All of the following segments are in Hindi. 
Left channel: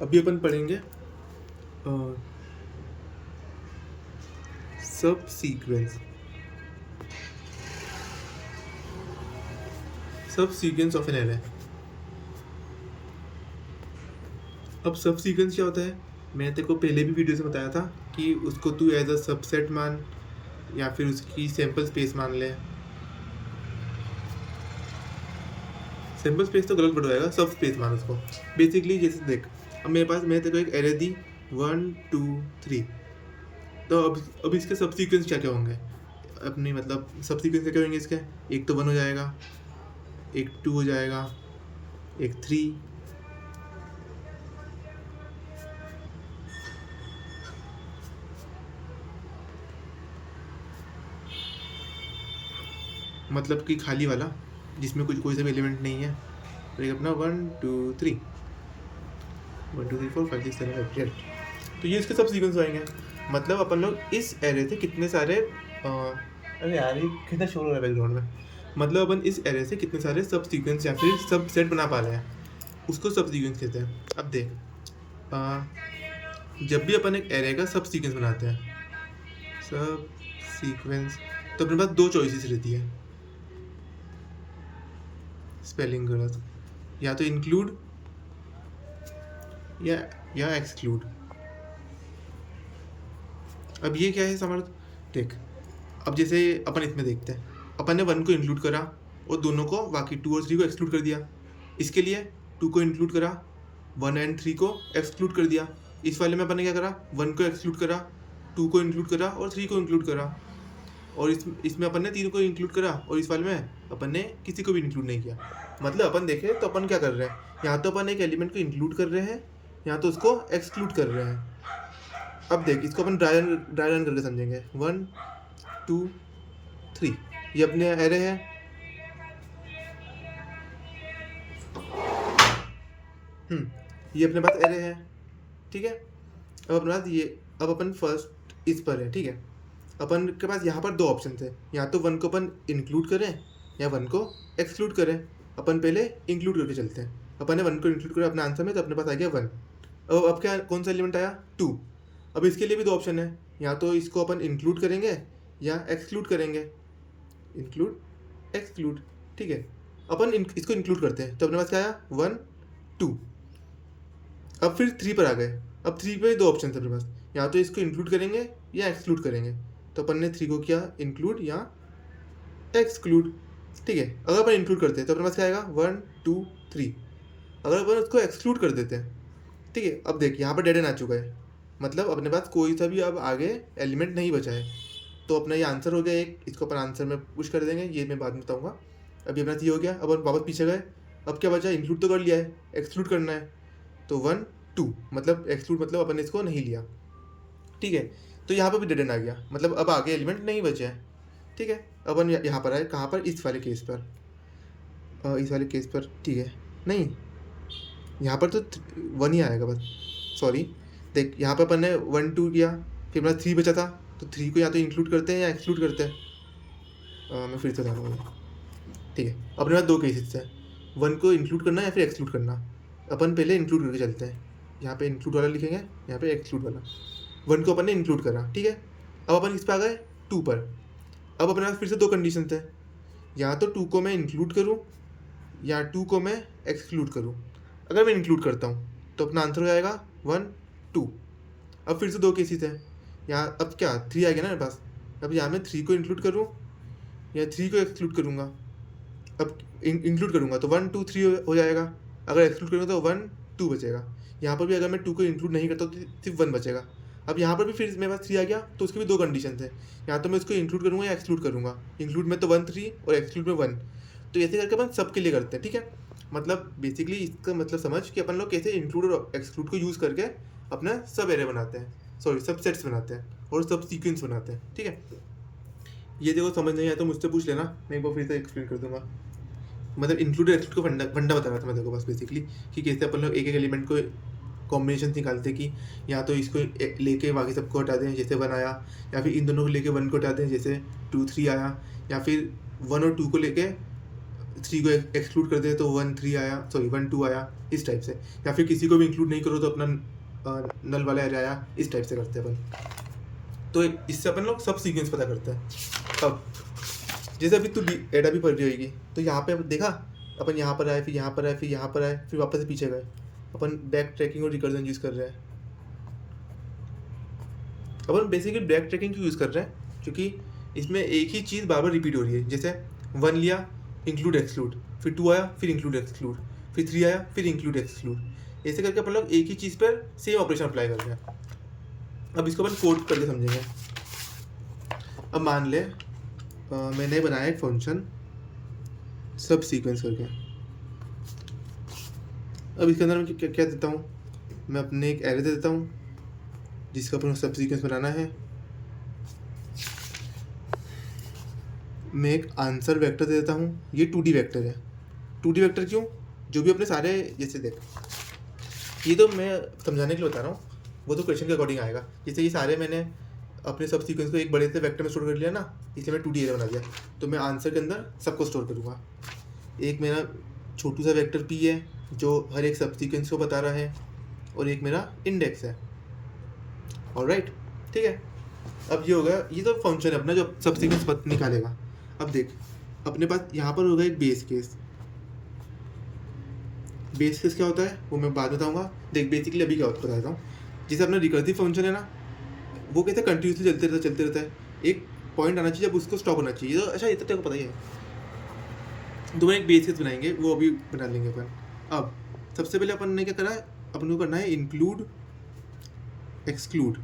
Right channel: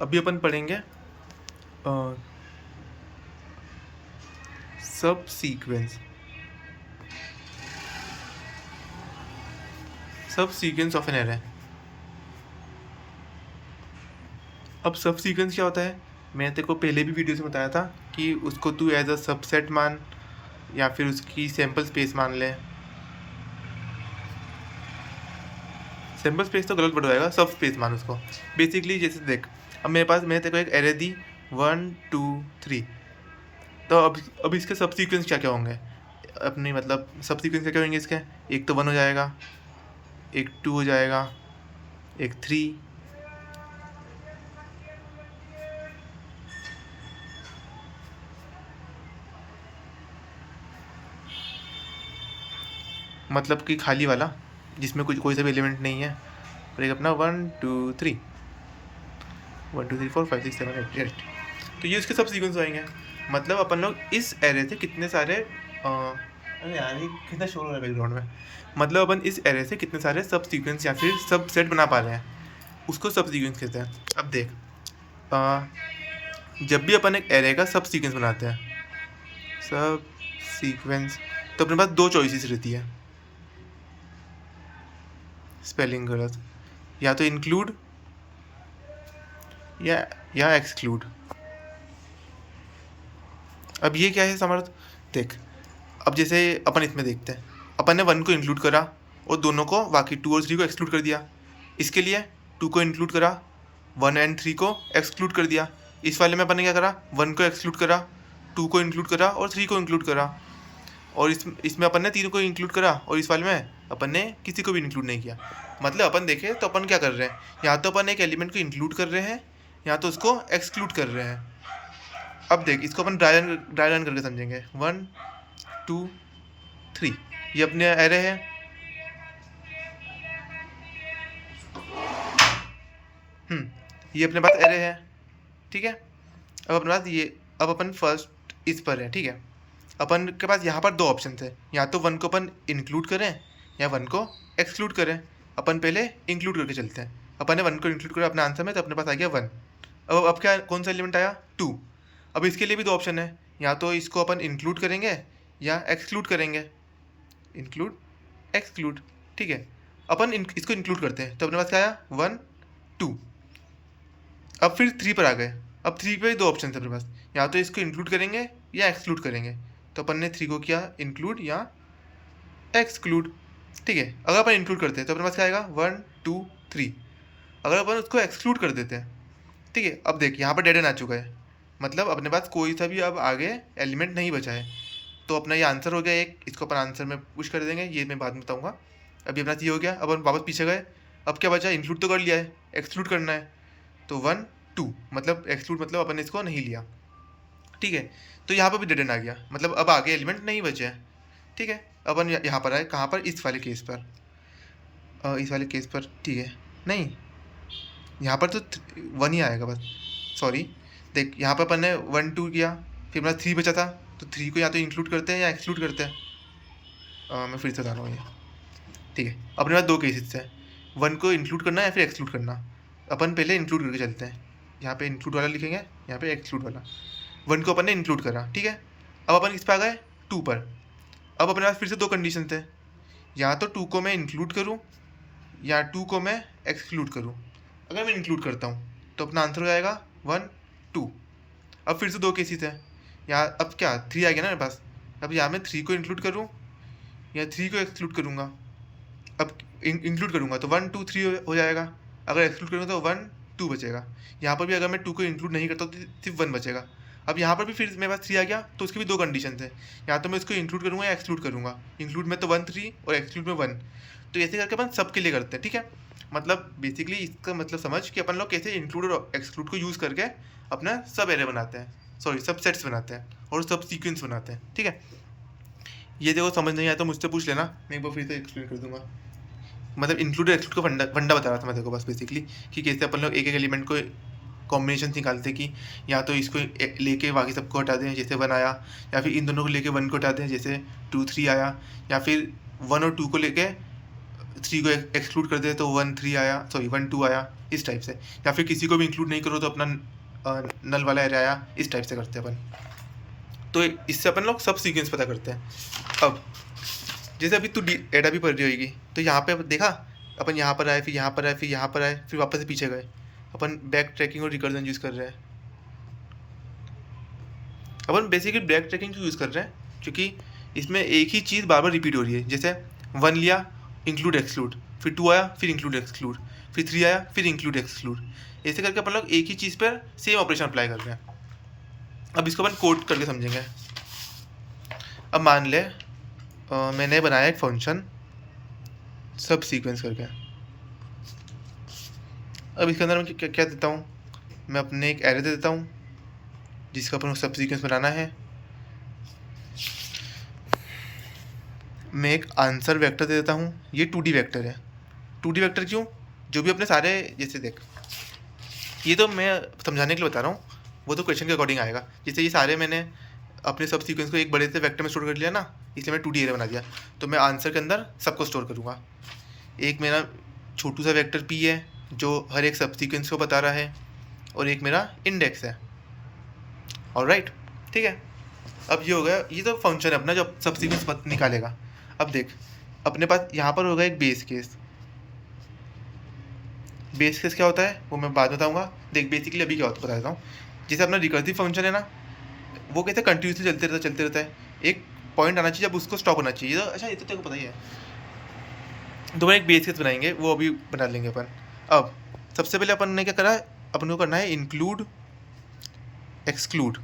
अभी अपन पढ़ेंगे सब सीक्वेंस ऑफ एन एरे। अब सब सीक्वेंस क्या होता है, मैं तेरे को पहले भी वीडियो से बताया था कि उसको तू एज अ सबसेट मान या फिर उसकी सैम्पल स्पेस मान ले। सैम्पल स्पेस तो गलत वर्ड हो जाएगा, सब स्पेस मान उसको। बेसिकली जैसे देख, अब मेरे पास मैं तेरे को एक एरे दी 1 2 3, तो अब इसके सब सीक्वेंस क्या क्या होंगे अपनी, मतलब सब सीक्वेंस क्या क्या होंगे इसके। एक तो 1 हो जाएगा, एक 2 हो जाएगा, एक 3, मतलब कि खाली वाला जिसमें कुछ कोई सा भी एलिमेंट नहीं है, और एक अपना 1 2 3 1 2 3 4 5 6 7 8 8। तो ये इसके सब सीक्वेंस आएंगे। मतलब अपन लोग इस एरे से कितने सारे अरे यार ये कितना शोर हो रहा है बैकग्राउंड में। मतलब अपन इस एरे से कितने सारे सब सीक्वेंस या फिर सब सेट बना पा रहे हैं, उसको सब सीक्वेंस कहते हैं। अब देख, जब भी अपन एक एरे का सब सीक्वेंस बनाते हैं, सब सीक्वेंस, तो अपने पास दो चॉइसेस रहती है। स्पेलिंग गलत, या तो इंक्लूड या एक्सक्लूड। अब ये क्या है समर्थ, देख अब जैसे अपन इसमें देखते हैं, अपन ने 1 को इंक्लूड करा और दोनों को बाकी 2 और 3 को एक्सक्लूड कर दिया। इसके लिए 2 को इंक्लूड करा, 1 एंड 3 को एक्सक्लूड कर दिया। इस वाले में अपन ने क्या करा, 1 को एक्सक्लूड करा, 2 को इंक्लूड करा और 3 को इंक्लूड करा। और इसमें अपन ने 3 को इंक्लूड करा और इस वाले में अपन ने किसी को भी इंक्लूड नहीं किया। मतलब अपन देखें तो अपन क्या कर रहे हैं, या तो अपन एक एलिमेंट को इंक्लूड कर रहे हैं या तो उसको एक्सक्लूड कर रहे हैं। अब देख इसको अपन ड्राई रन करके समझेंगे। 1 2 3 ये अपने एरे है। ये अपने पास एरे है, ठीक है। अब अपने पास ये, अब अपन फर्स्ट इस पर है, ठीक है। अपन के पास यहाँ पर दो ऑप्शन थे, या तो 1 को अपन इंक्लूड करें या 1 को एक्सक्लूड करें। अपन पहले इंक्लूड करके चलते हैं। अपन ने 1 को इंक्लूड करा अपने आंसर में, तो अपने पास आ गया 1। अब क्या, कौन सा एलिमेंट आया, 2। अब इसके लिए भी दो ऑप्शन है, या तो इसको अपन इंक्लूड करेंगे या एक्सक्लूड करेंगे। इंक्लूड एक्सक्लूड, ठीक है। अपन इसको इंक्लूड करते हैं, तो अपने पास क्या आया 1 2। अब फिर 3 पर आ गए। अब 3 पे दो ऑप्शन है अपने पास, या तो इसको इंक्लूड करेंगे या एक्सक्लूड करेंगे। तो अपन ने 3 को किया इंक्लूड या एक्सक्लूड, ठीक है। अगर अपन इंक्लूड करते हैं तो अपने पास क्या आएगा 1 2 3। अगर अपन उसको एक्सक्लूड कर देते हैं, ठीक है। अब देख यहाँ पर डेड एंड आ चुका है, मतलब अपने पास कोई सा भी अब आगे एलिमेंट नहीं बचा है। तो अपना ये आंसर हो गया एक, इसको अपन आंसर में पुश कर देंगे, ये मैं बाद में बताऊँगा। अभी अपना ये हो गया। अब अपन वापस पीछे गए, अब क्या बचा, इंक्लूड तो कर लिया है, एक्सक्लूड करना है। तो 1 2 मतलब एक्सक्लूड, मतलब अपन ने इसको नहीं लिया, ठीक है। तो यहाँ पर भी डेड एंड आ गया, मतलब अब आगे एलिमेंट नहीं बचे हैं, ठीक है। अपन यहाँ पर आए, कहाँ पर, इस वाले केस पर, इस वाले केस पर, ठीक है। नहीं, यहाँ पर तो 1 ही आएगा बस, सॉरी। देख यहाँ पर अपन ने 1 2 किया, फिर मेरा 3 बचा था, तो 3 को या तो इंक्लूड करते हैं या एक्सक्लूड करते हैं। मैं फिर से बता रहा हूँ ये, ठीक है। अपने पास दो केसेस हैं, 1 को इंक्लूड करना या फिर एक्सक्लूड करना। अपन पहले इंक्लूड करके चलते हैं, यहाँ पे इंक्लूड वाला लिखेंगे, यहाँ पे एक्सक्लूड वाला। 1 को अपन ने इंक्लूड करा, ठीक है। अब अपन किस पे आ गए, 2 पर। अब अपने पास फिर से दो कंडीशन थे, या तो 2 को मैं इंक्लूड करूँ या 2 को मैं एक्सक्लूड करूँ। अगर मैं इंक्लूड करता हूँ तो अपना आंसर हो जाएगा 1 2। अब फिर से दो केसेस हैं, यहाँ अब क्या 3 आ गया ना मेरे पास। अब यहाँ मैं 3 को इंक्लूड करूँ या 3 को एक्सक्लूड करूँगा। अब इंक्लूड करूँगा तो 1 2 3 हो जाएगा, अगर एक्सक्लूड करूँगा तो 1 2 बचेगा। यहाँ पर भी अगर मैं 2 को इंक्लूड नहीं करता तो सिर्फ 1 बचेगा। अब यहाँ पर भी फिर मेरे पास 3 आ गया, तो उसके भी दो कंडीशन है, या तो मैं इसको इंक्लूड करूँगा या एक्सक्लूड करूँगा। इंक्लूड में तो 1 3 और एक्सक्लूड में 1। तो ऐसे करके अपन सबके लिए करते हैं, ठीक है। मतलब बेसिकली इसका मतलब समझ कि अपन लोग कैसे इंक्लूड और एक्सक्लूड को यूज़ करके अपना सब एरे बनाते हैं, सॉरी सब सेट्स बनाते हैं और सब सीक्वेंस बनाते हैं, ठीक है। ये देखो समझ नहीं आया तो मुझसे पूछ लेना, मैं एक बार फिर से एक्सप्लेन कर दूंगा। मतलब इंक्लूड और एक्सक्लूड का फंडा बता रहा था मैं देखो बस बेसिकली, कि कैसे अपन लोग एक एक एलिमेंट को कॉम्बिनेशन निकालते कि या तो इसको लेके बाकी सबको हटा दें जैसे 1 आया, या फिर इन दोनों को लेके 1 को हटा दें जैसे 2 3 आया, या फिर 1 और 2 को लेके 3 को एक्सक्लूड कर दे तो 1 3 आया, सॉरी 1 2 आया, इस टाइप से, या फिर किसी को भी इंक्लूड नहीं करो तो अपना नल वाला एरे आया, इस टाइप से करते हैं अपन। तो इससे अपन लोग सब सीक्वेंस पता करते हैं। अब जैसे अभी तू एडा भी पढ़ रही होगी, तो यहाँ पे देखा अपन यहाँ पर आए, फिर यहाँ पर आए, फिर यहाँ पर आए, फिर वापस से पीछे गए। अपन बैक ट्रैकिंग और रिकर्जन यूज़ कर रहे हैं। अपन बेसिकली बैक ट्रैकिंग क्यों यूज़ कर रहे हैं, क्योंकि इसमें एक ही चीज़ बार बार रिपीट हो रही है। जैसे 1 लिया, इंक्लूड एक्सक्लूड, फिर 2 आया, फिर इंक्लूड एक्सक्लूड, फिर 3 आया, फिर इंक्लूड एक्सक्लूड। ऐसे करके अपन लोग एक ही चीज़ पर सेम ऑपरेशन अप्लाई कर रहे हैं। अब इसको अपन कोड करके समझेंगे। अब मान ले मैंने बनाया एक फंक्शन सब सीक्वेंस करके। अब इसके अंदर मैं क्या क्या देता हूँ, मैं अपने एक एरे दे देता हूँ जिसका अपन सब सीक्वेंस बनाना है। मैं एक आंसर वेक्टर दे देता हूँ, ये 2D वेक्टर है। 2D वेक्टर क्यों, जो भी अपने सारे, जैसे देख ये तो मैं समझाने के लिए बता रहा हूँ, वो तो क्वेश्चन के अकॉर्डिंग आएगा। जैसे ये सारे मैंने अपने सब सीक्वेंस को एक बड़े से वेक्टर में स्टोर कर लिया ना, इसलिए मैं 2D एरे बना दिया। तो मैं आंसर के अंदर सबको स्टोर करूँगा। एक मेरा छोटू सा वेक्टर P है जो हर एक सब सीक्वेंस को बता रहा है, और एक मेरा इंडेक्स है। ऑलराइट, ठीक है। अब ये हो गया, ये तो फंक्शन है अपना जो सब सीक्वेंस निकालेगा। अब देख अपने पास यहाँ पर होगा एक बेस केस। बेस केस क्या होता है वो मैं बाद में बताऊँगा। देख बेसिकली अभी क्या होता है बता देता हूँ। जैसे अपना रिकर्सिव फंक्शन है ना, वो कैसे कंटिन्यूसली चलते रहता है। एक पॉइंट आना चाहिए, जब उसको स्टॉप होना चाहिए। तो अच्छा, ये तो तेरे को पता ही है। तो मैं एक बेस केस बनाएंगे, वो अभी बना लेंगे अपन। अब सबसे पहले अपन ने क्या करा, अपन को करना है इंक्लूड एक्सक्लूड।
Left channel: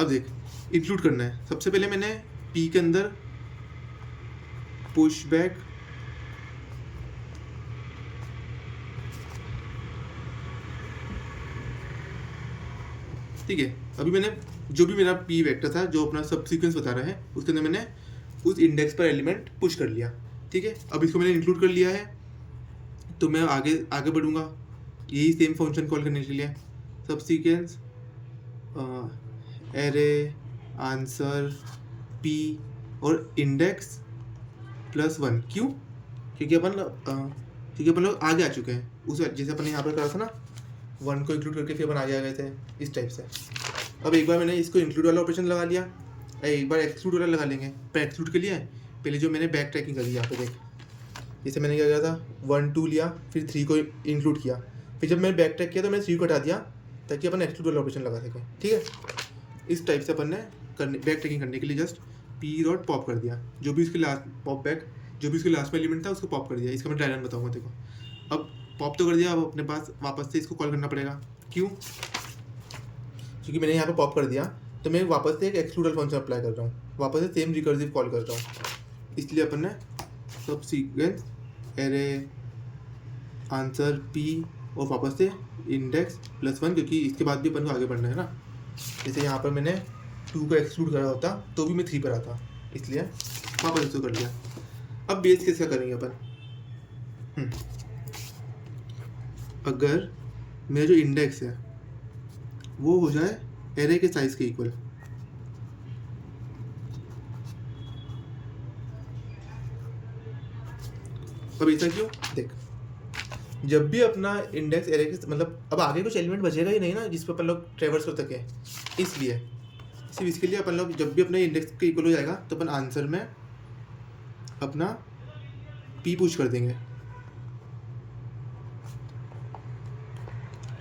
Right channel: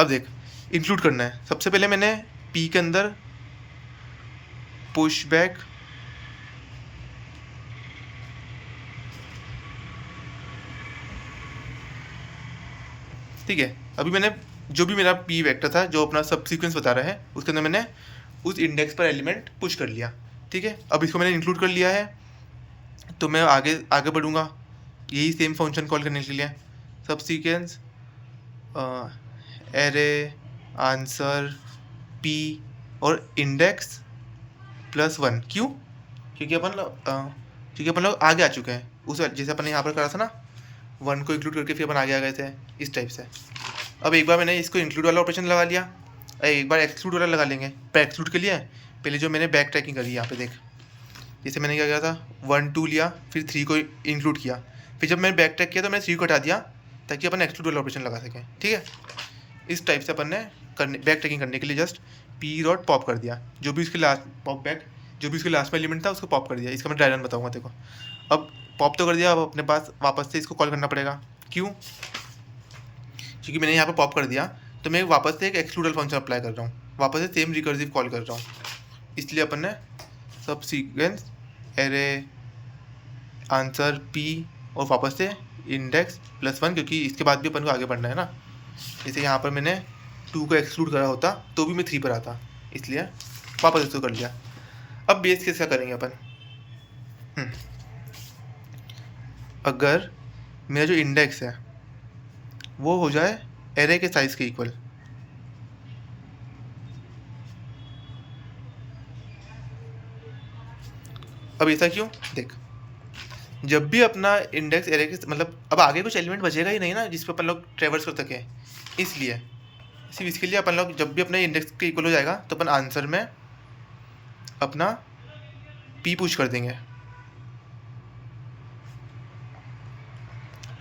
अब देख इंक्लूड करना है, सबसे पहले मैंने P के अंदर पुश बैक ठीक है। अभी मैंने जो भी मेरा P वेक्टर था जो अपना सब सीक्वेंस बता रहा है, उसके अंदर मैंने उस इंडेक्स पर एलिमेंट पुश कर लिया। ठीक है, अब इसको मैंने इंक्लूड कर लिया है, तो मैं आगे आगे बढ़ूँगा यही सेम फंक्शन कॉल करने के लिए। सब सीक्वेंस एरे आंसर P और इंडेक्स +1। क्यों, क्योंकि अपन लोग आगे आ चुके हैं। उस जैसे अपन ने यहाँ पर करा था ना, 1 को इंक्लूड करके फिर अपन आगे आ गए थे, इस टाइप से। अब एक बार मैंने इसको इंक्लूड वाला ऑपरेशन लगा लिया, एक बार एक्सक्लूड वाला लगा लेंगे। पर एक्सक्लूड के लिए पहले जो मैंने बैक ट्रैकिंग करी, यहाँ पे देख, जैसे मैंने क्या किया था, 1 2 लिया, फिर 3 को इंक्लूड किया, फिर जब मैंने बैक ट्रैक किया तो मैंने 3 को हटा दिया ताकि अपन एक्सक्लूड वाला ऑपरेशन लगा सकें। ठीक है, इस टाइप से अपन ने बैक ट्रैकिंग करने के लिए जस्ट P पॉप कर दिया, जो भी उसके लास्ट पॉप बैक, जो भी उसके लास्ट में एलिमेंट था उसको पॉप कर दिया। इसका मैं डायग्राम बताऊंगा देखो। अब पॉप तो कर दिया, अब अपने पास वापस से इसको कॉल करना पड़ेगा। क्यों, क्योंकि मैंने यहाँ पर पॉप कर दिया तो मैं वापस से एक एक्सक्लूडल फंक्शन अप्लाई कर रहा हूँ, वापस से सेम रिकर्सिव कॉल कर रहा हूँ। इसलिए अपन ने सब सीक्वेंस एरे आंसर P और वापस से इंडेक्स +1, क्योंकि इसके बाद भी अपन को आगे बढ़ना है ना। जैसे यहाँ पर मैंने 2 को एक्सक्लूड करा होता तो भी मैं 3 पर आता, इसलिए वापस इसको कर लिया। अब बेस केस क्या करेंगे अपन, अगर मेरा जो इंडेक्स है वो हो जाए एरे के साइज के इक्वल। अब ऐसा क्यों, देख जब भी अपना इंडेक्स एरे के मतलब अब आगे कुछ एलिमेंट बचेगा ही नहीं ना जिस पर अपन लोग ट्रेवर्स कर सकें, इसलिए सिर्फ इसके लिए अपन लोग जब भी अपने इंडेक्स के इक्वल हो जाएगा तो अपन आंसर में अपना P पुश कर देंगे।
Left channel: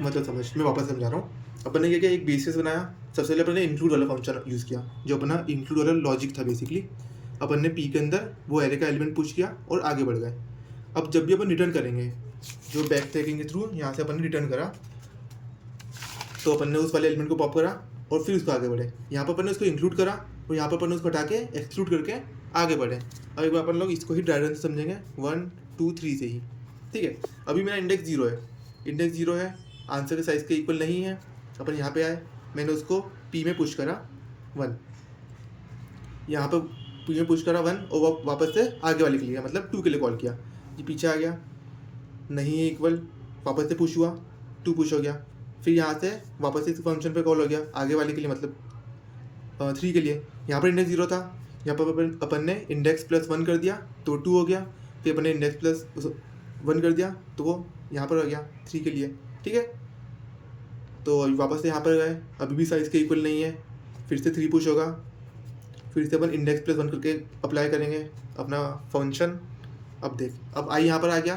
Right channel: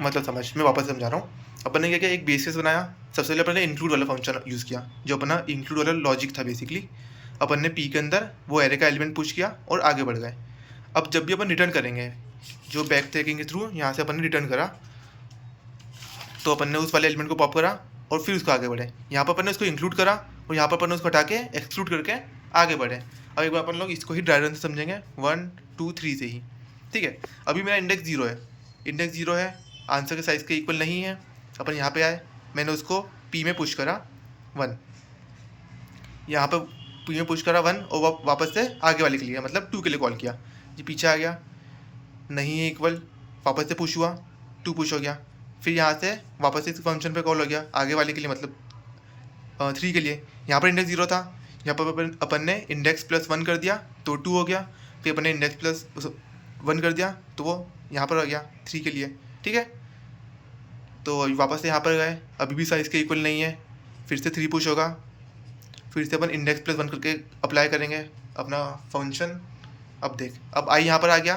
मतलब समझ, मैं वापस समझा रहा हूँ। अपन ने क्या किया, एक बेस केस बनाया। सबसे पहले अपन ने इंक्लूड वाला फंक्शन यूज़ किया, जो अपना इंक्लूड वाला लॉजिक था बेसिकली। अपन ने P के अंदर वो एरे का एलिमेंट पुश किया और आगे बढ़ गए। अब जब भी अपन रिटर्न करेंगे, जो बैक ट्रैकिंग के थ्रू यहाँ से अपन ने रिटर्न करा, तो अपन ने उस वाले एलिमेंट को पॉप करा और फिर उसको आगे बढ़े। यहाँ पर अपन ने उसको इंक्लूड करा और यहाँ पर अपन ने उसको हटा के एक्सक्लूड करके आगे बढ़े। अब एक बार अपन लोग इसको ही ड्राइवर से समझेंगे 1 2 3 से ही। ठीक है, अभी मेरा इंडेक्स 0 है, इंडेक्स 0 है, आंसर के साइज़ के इक्वल नहीं है। अपन यहाँ पे आए, मैंने उसको P में पुश करा 1, यहाँ पर P में पुश करा 1 और वापस से आगे वाले के लिए मतलब 2 के लिए कॉल किया। ये पीछे आ गया, नहीं है इक्वल, वापस से पुश हुआ, 2 पुश हो गया। फिर यहाँ से वापस से इस फंक्शन पे कॉल हो गया आगे वाले के लिए मतलब 3 के लिए। यहाँ पर इंडेक्स 0 था, यहाँ पर अपन ने इंडेक्स +1 कर दिया तो 2 हो गया, फिर अपने इंडेक्स प्लस 1 कर दिया तो वो यहाँ पर आ गया 3 के लिए, ठीक है। तो वापस से यहाँ पर गए, अभी भी साइज़ के इक्वल नहीं है, फिर से 3 पुश होगा, फिर से अपन इंडेक्स प्लस 1 करके अप्लाई करेंगे अपना फंक्शन। अब देख, अब आई यहाँ पर आ गया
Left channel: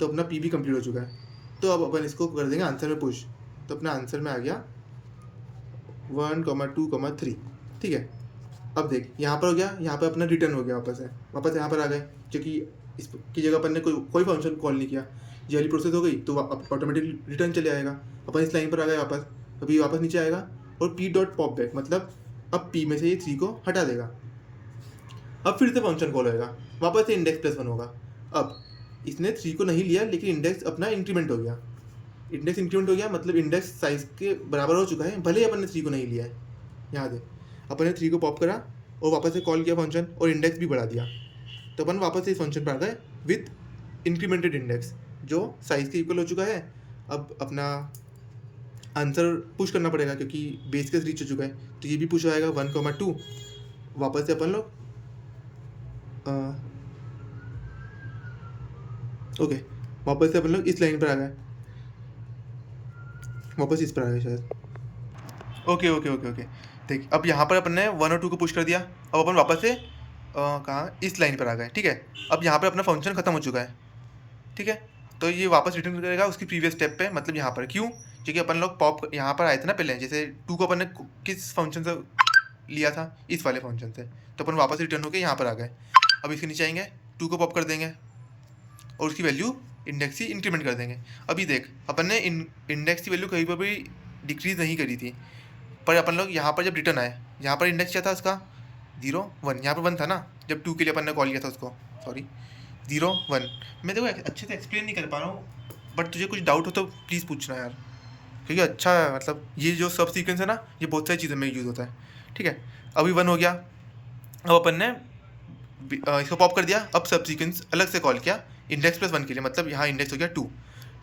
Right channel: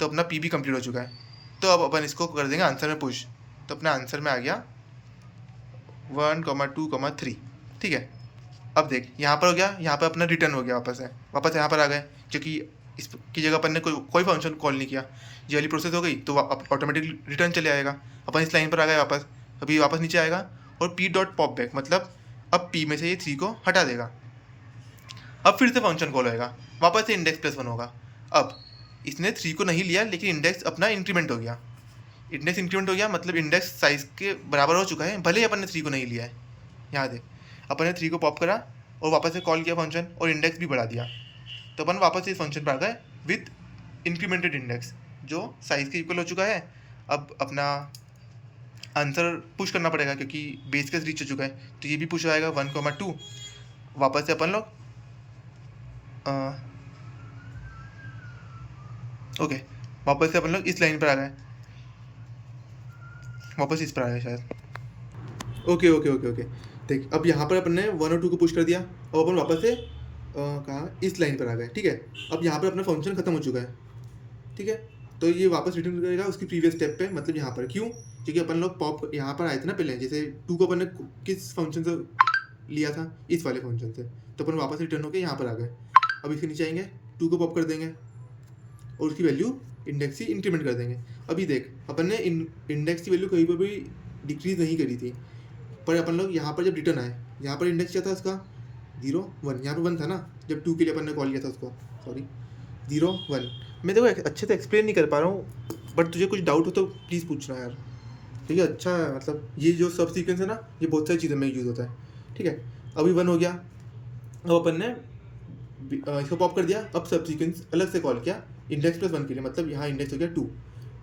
तो अपना पी भी कंप्लीट हो चुका है। तो अब अपन इसको कर देंगे आंसर में पुश, तो अपने आंसर में आ गया 1, 2, 3, ठीक है। अब देख यहाँ पर हो गया, यहाँ पर अपना रिटर्न हो गया वापस यहाँ पर आ गए, क्योंकि इसकी जगह अपन ने कोई फंक्शन कॉल नहीं किया, ये वाली प्रोसेस हो गई तो ऑटोमेटिक रिटर्न चले आएगा। अपन इस लाइन पर आ गए वापस, अभी वापस नीचे आएगा और पी डॉट पॉप बैक, मतलब अब पी में से ये 3 को हटा देगा। अब फिर से फंक्शन कॉल होएगा, वापस से इंडेक्स प्लस 1 होगा। अब इसने 3 को नहीं लिया, लेकिन इंडेक्स अपना इंक्रीमेंट हो गया, इंडेक्स इंक्रीमेंट हो गया मतलब इंडेक्स साइज़ के बराबर हो चुका है, भले ही अपन ने 3 को नहीं लिया है। यहाँ देख, अपन ने 3 को पॉप करा और वापस से कॉल किया फंक्शन और इंडेक्स भी बढ़ा दिया, तो अपन वापस से इस फंक्शन पर आ गए विथ इंक्रीमेंटेड इंडेक्स जो साइज़ के इक्वल हो चुका है। अब अपना आंसर पुश करना पड़ेगा क्योंकि बेस केस रीच हो चुका है, तो ये भी पुश आएगा 1, 2। वापस से अपन लोग ओके, वापस से अपन लोग इस लाइन पर आ गए, वापस इस पर आ गए शायद। ओके। देख, अब यहाँ पर अपन ने 1 और 2 को पुश कर दिया, अब अपन वापस से कहाँ इस लाइन पर आ गए, ठीक है। अब यहाँ पर अपना फंक्शन खत्म हो चुका है, ठीक है। तो ये वापस रिटर्न करेगा उसकी प्रीवियस स्टेप पे, मतलब यहाँ पर। क्यों? क्योंकि अपन लोग पॉप यहाँ पर आए थे ना पहले, जैसे 2 को अपन ने किस फंक्शन से लिया था, इस वाले फंक्शन से, तो अपन वापस रिटर्न होकर यहाँ पर आ गए। अब इसके नीचे आएंगे, 2 को पॉप कर देंगे और उसकी वैल्यू इंडेक्स की इंक्रीमेंट कर देंगे। अभी देख, अपन ने इंडेक्स की वैल्यू कहीं पर भी डिक्रीज़ नहीं करी थी, पर अपन लोग यहाँ पर जब रिटर्न आए, यहाँ पर इंडेक्स क्या था उसका 0, 1, यहाँ पर 1 था ना जब 2 के लिए अपन ने कॉल किया था उसको, सॉरी 0, 1। मैं देखो अच्छे से एक्सप्लेन नहीं कर पा रहा हूँ, बट तुझे कुछ डाउट हो तो प्लीज़ पूछना यार, क्योंकि अच्छा मतलब ये जो सब सीक्वेंस है ना, ये बहुत सारी चीज़ों में यूज़ होता है, ठीक है। अभी 1 हो गया, अब अपन ने इसको पॉप कर दिया, अब सब सीक्वेंस अलग से कॉल किया इंडेक्स प्लस 1 के लिए, मतलब यहाँ इंडेक्स हो गया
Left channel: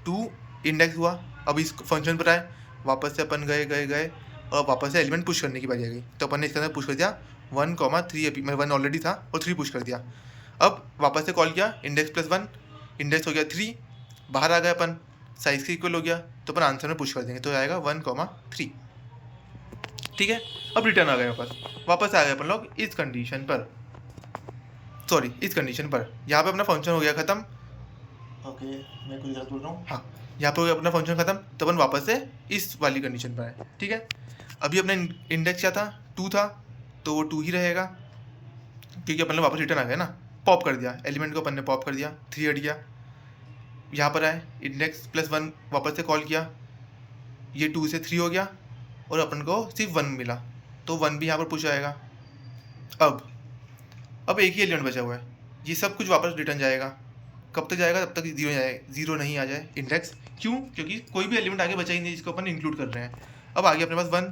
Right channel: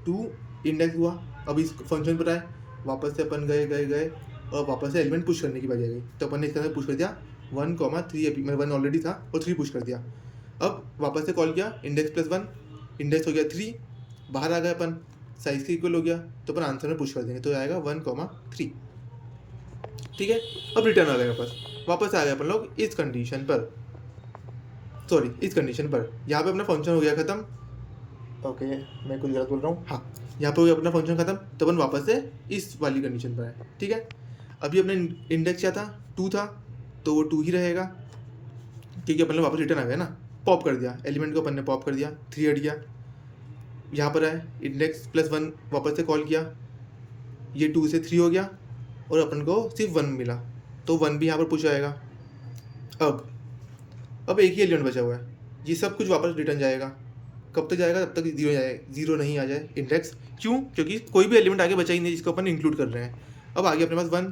2 इंडेक्स हुआ। अब इस फंक्शन पर आए, वापस से अपन गए और वापस से एलिमेंट पुश करने की बारी आ गई, तो अपन ने इसके अंदर पुश कर दिया 1, 3, अभी मैं 1 ऑलरेडी था और 3 पुश कर दिया। अब वापस से कॉल किया इंडेक्स प्लस 1, इंडेक्स हो गया 3, बाहर आ गए अपन, साइज़ के इक्वल हो गया, तो अपन आंसर में पुश कर देंगे, तो आएगा 1, 3, ठीक है। अब रिटर्न आ गए वापस आ गए अपन लोग इस कंडीशन पर, सॉरी इस कंडीशन पर, यहाँ पे अपना फंक्शन हो गया ख़त्म। ओके, मैं कुछ गलत बोल रहा हूँ, हाँ यहाँ पर हो गया अपना फंक्शन ख़त्म, तो अपन वापस से इस वाली कंडीशन पर आए, ठीक है। अभी अपना इंडेक्स क्या था 2 था, तो वो 2 ही रहेगा क्योंकि अपन ने वापस रिटर्न आ गया ना, पॉप कर दिया एलिमेंट को, अपन ने पॉप कर दिया, 3 हट गया। यहाँ पर आए इंडेक्स प्लस 1 वापस से कॉल किया, ये 2 से 3 हो गया और अपन को सिर्फ 1 मिला, तो 1 भी यहाँ पर पुश आएगा। अब एक ही एलिमेंट बचा हुआ है, ये सब कुछ वापस रिटर्न जाएगा। कब तक जाएगा? तब तक 0 जाए, 0 नहीं आ जाए इंडेक्स। क्यों? क्योंकि कोई भी एलिमेंट आगे बचा ही नहीं जिसको अपन इंक्लूड कर रहे हैं। अब आगे अपने पास 1,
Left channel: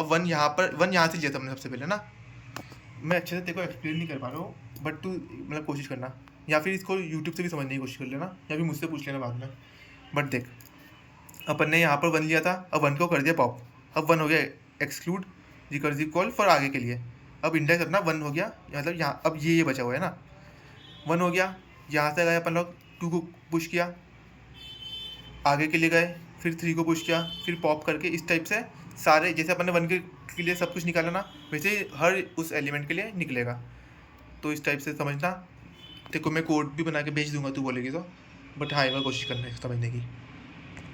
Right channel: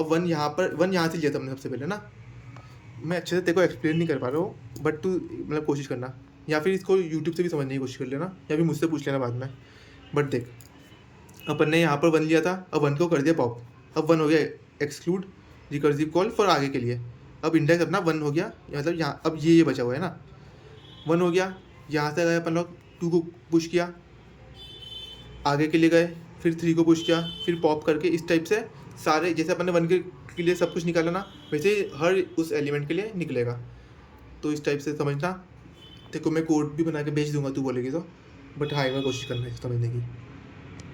अब 1 यहाँ पर, 1 यहाँ से लिया था हमने सबसे पहले ना। मैं अच्छे से तेरे को एक्सप्लेन नहीं कर पा रहा हूँ, बट तू मतलब कोशिश करना, या फिर इसको यूट्यूब से भी समझने की कोशिश कर लेना, या फिर मुझसे पूछ लेना बाद में। बट देख, अपन ने यहाँ पर 1 लिया था, अब 1 को कर दिया पॉप, अब 1 हो गया एक्सक्लूड रिकर्सिव कॉल फॉर आगे के लिए। अब इंडेक्स अपना 1 हो गया, मतलब यहाँ अब ये बचा हुआ है ना, 1 हो गया। यहाँ से गए अपन लोग 2 को पुश किया, आगे के लिए गए, फिर 3 को पुश किया, फिर पॉप करके इस टाइप से सारे, जैसे अपन ने 1 के लिए सब कुछ निकाला ना, वैसे हर उस एलिमेंट के लिए निकलेगा। तो इस टाइप से समझना। तेरे को मैं कोड भी बना के भेज दूंगा, तू बोलेगी तो, बट हाँ एक बार कोशिश करना है समझने की।